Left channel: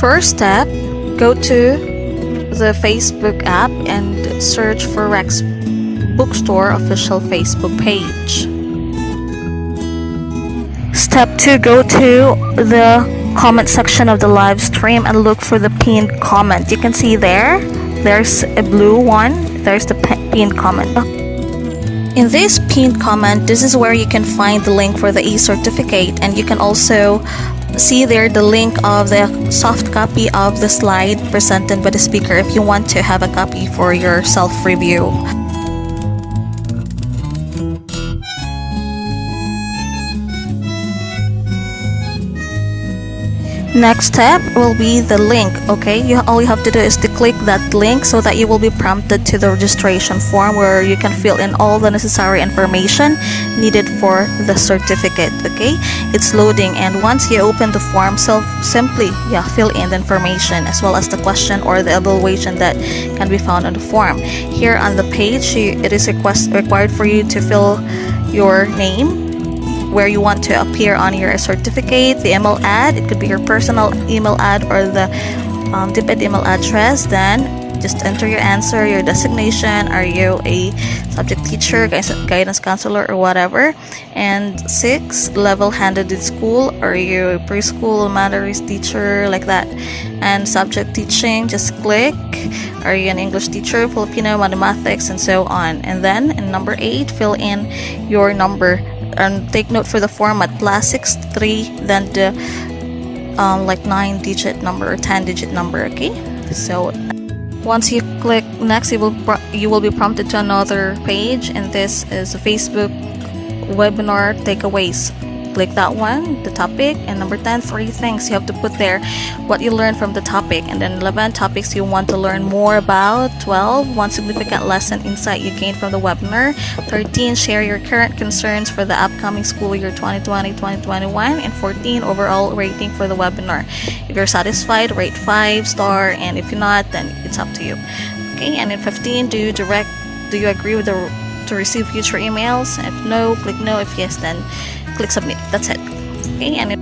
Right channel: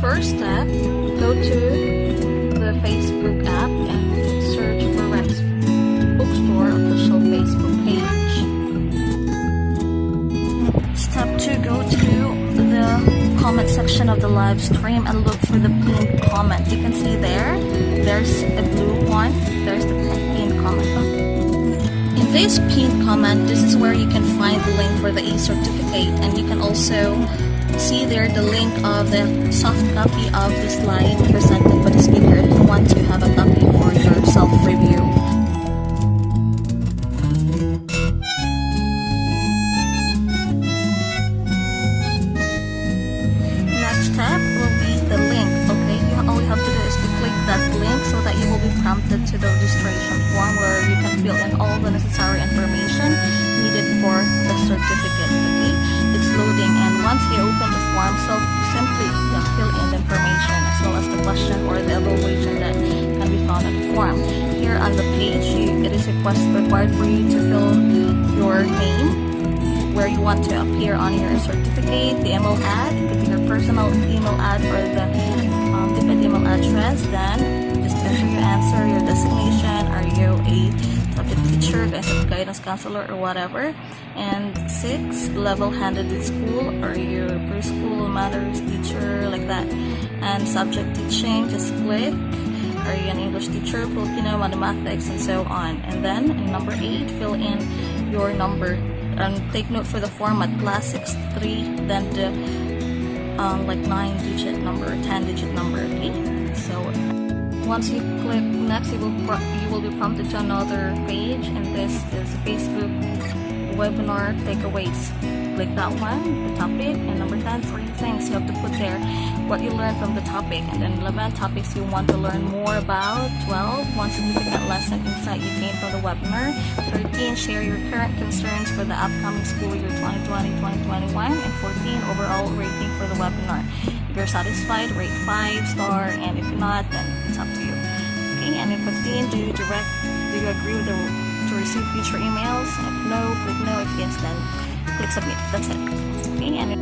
First step, go to the Facebook app and search for Rex Bookstore official Facebook page. Step 2, go to the comment section of the live stream and look for the pinned comment. You can see there's a blue one, there's the pinned comment. In this pinned comment, this is where you can find the link for the e-certificate, and you can also see there the link of the soft copy of the slide presented by the speaker if you want to have a copy for your self-review. Next step will be the link. Okay, all you have to do is to click that link so that you will be prompted to the registration form where you can fill in all the necessary information needed for the certificate. Okay, it's loading, and once you open the form, simply fill in the information as well as the question or the evaluation that can be found on the form. Here on the page, it is required for you to fill your name, where you want to appear on your certificate, the email ad, it could be your personal email ad or the DepEd email address. Then just enter your answer, your designation, are you a subject teacher, guidance counselor, or whatever. And 6, level handed in school, are you a preschool, elementary teacher, like that. And subject teaching, just click, are you an English teacher, Filipino, mathematics, and so on. And then in number 8, fill in your number. And take note for the format, +63, then the 9-digit number or 10-digit number. Okay, so once you click next, you will be prompted to another page, and this is Facebook webinar takeaways. Click that one, the topic, and number 10, 3 things you have to put there what you learned from the topic, and then 11 topics you want to learn more about. 12, one significant lesson insight you gained from the webinar. 13, share your current concerns for the upcoming school year 2020-2021, and 14, overall rating for the webinar. If you're satisfied, rate 5-star, and if you're not, then it's up to you. Okay, and in 15, do you agree with to receive future emails? If no, click no. If yes, then click submit. That's it. Okay, and